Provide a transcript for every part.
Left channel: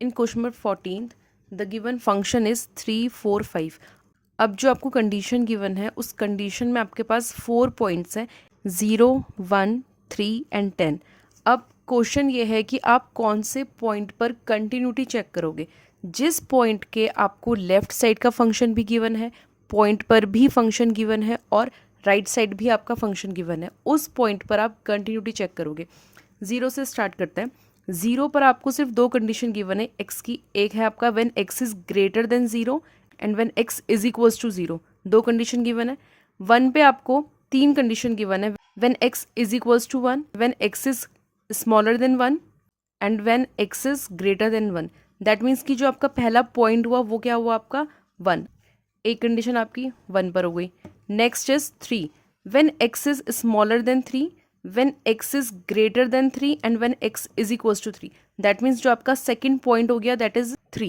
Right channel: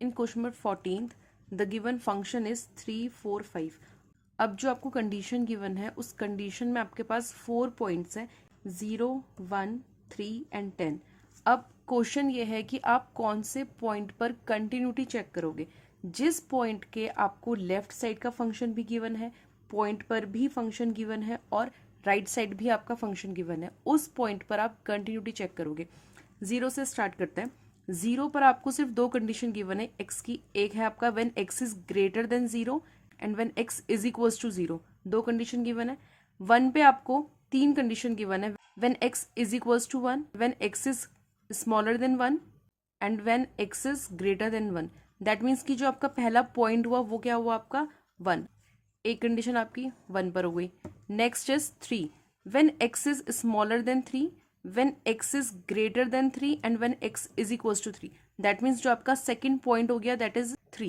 In question number 14 the given function is 3 4 5। अब जो आपको कंडीशन गिवन है उस कंडीशन में आपके पास 4 पॉइंट्स हैं, 0 1 3 एंड 10। अब क्वेश्चन ये है कि आप कौन से पॉइंट पर कंटिन्यूटी चेक करोगे। जिस पॉइंट के आपको लेफ्ट साइड का फंक्शन भी गिवन है, पॉइंट पर भी फंक्शन गिवन है और राइट साइड भी आपका फंक्शन गिवन है, उस पॉइंट पर आप कंटिन्यूटी चेक करोगे। 0 से स्टार्ट करते हैं। 0 पर आपको सिर्फ दो कंडीशन गिवन है एक्स की। एक है आपका when x is greater than 0 and when x is equals to 0, दो कंडीशन गिवन है। 1 पे आपको तीन कंडीशन गिवन है, when x is equals to 1, when x is smaller than 1 and when x is greater than 1। That means कि जो आपका पहला पॉइंट हुआ वो क्या हुआ आपका 1। एक कंडीशन आपकी 1 पर हो गई। Next is 3, when x is smaller then 3, when x is greater than 3 and when x is equals to 3। that means जो आपका second point हो गया that is 3।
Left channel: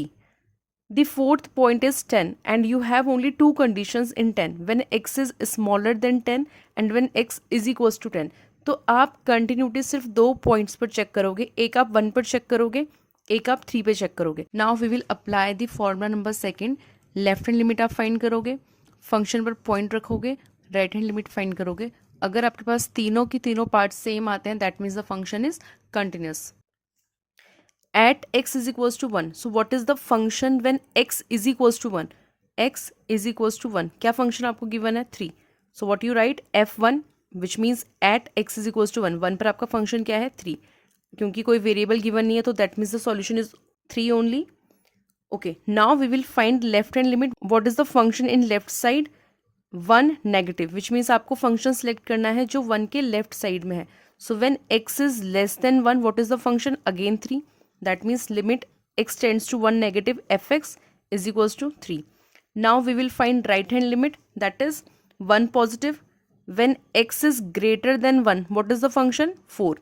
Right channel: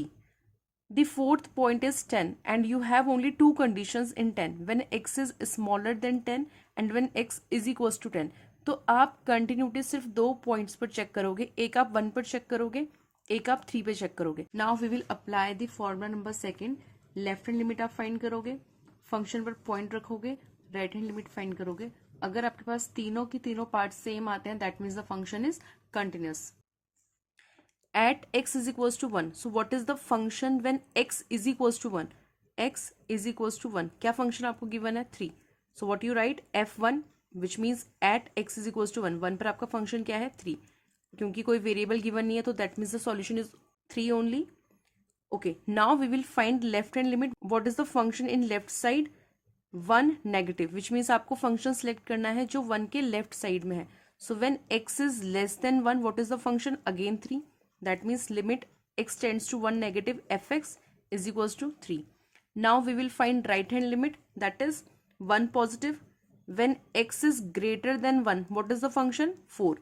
the fourth point is 10 and you have only two conditions in 10, when x is smaller than 10 and when x is equals to 10। तो आप continuity सिर्फ दो points पर check करोगे, एक आप 1 पर चेक करोगे, एक आप 3 पे चेक करोगे। Now we will apply the formula number second. Left hand limit आप फाइंड करोगे, फंक्शन पर पॉइंट रखोगे, राइट हैंड लिमिट फाइंड करोगे। अगर आपके पास तीनों की तीनों पार्ट सेम आते हैं that means the function is continuous. At x is equals to 1, so what is the function when x is equals to 1। X is equals to 1, क्या function आपको गिवन है 3। So what you write f1 which means at x is equals to 1। 1 पर आपका function क्या है 3, क्योंकि कोई variable given नहीं है तो that means the solution is 3 only. Okay, now we will find left hand limit. What is the function in left side 1 negative, which means आपको फंक्शन सेलेक्ट करना है जो 1 के लेफ्ट साइड में है। So when x is less than 1, what is the function again 3। That means limit x tends to 1 negative fx is equals to 3। Now we will find right hand limit that is 1 positive, when x is greater than 1, what is the function 4।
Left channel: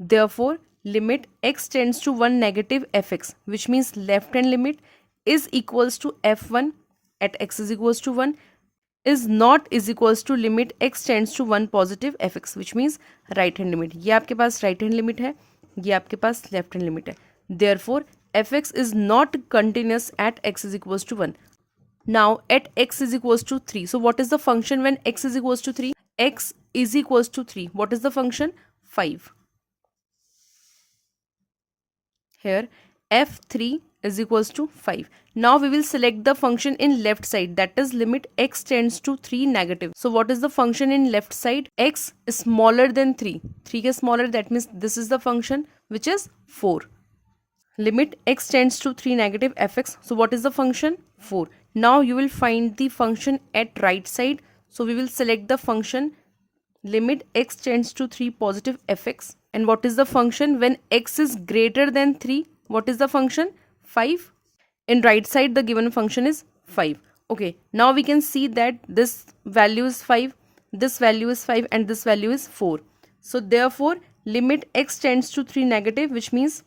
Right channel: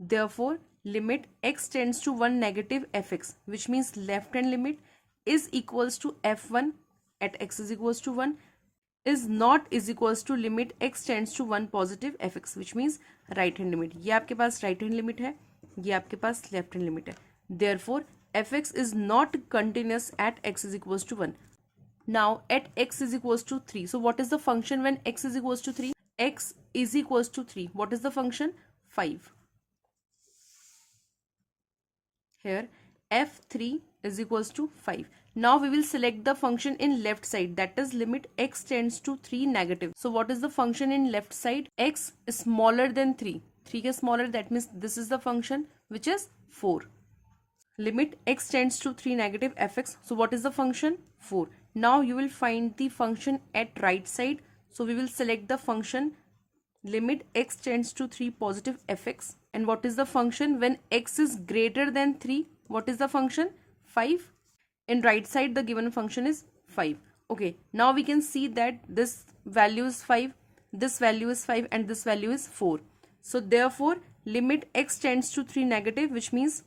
therefore limit x tends to 1 negative fx, which means left hand limit is equals to f1 at x is equals to 1 is not is equals to limit x tends to 1 positive fx, which means right hand limit। ये आपके पास right hand limit है, ये आपके पास left hand limit है। therefore fx is not continuous at x is equals to 1। now at x is equals to 3, so what is the function when x is equals to 3। x is equals to 3, what is the function 5। here f3 is equals to 5। now we will select the function in left side, that is limit x tends to 3 negative। so what is the function in left side, x is smaller than 3, 3 is smaller, that means this is the function which is 4। limit x tends to 3 negative fx, so what is the function 4। now you will find the function at right side, so we will select the function limit x tends to 3 positive fx, and what is the function when x is greater than 3, what is the function 5। in right side the given function is 5। okay, now we can see that this value is 5, this value is 5 and this value is 4। so therefore limit x tends to 3 negative, which means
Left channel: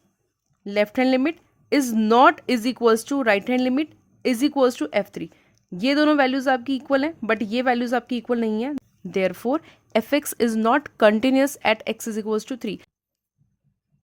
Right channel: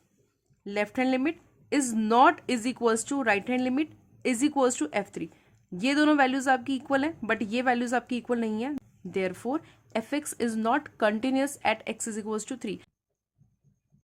left hand limit is not is equals to right hand limit is equals to f3। ये दोनों values आपकी equal हैं but ये values आपकी equal नहीं है, therefore fx is not continuous at x is equals to 3।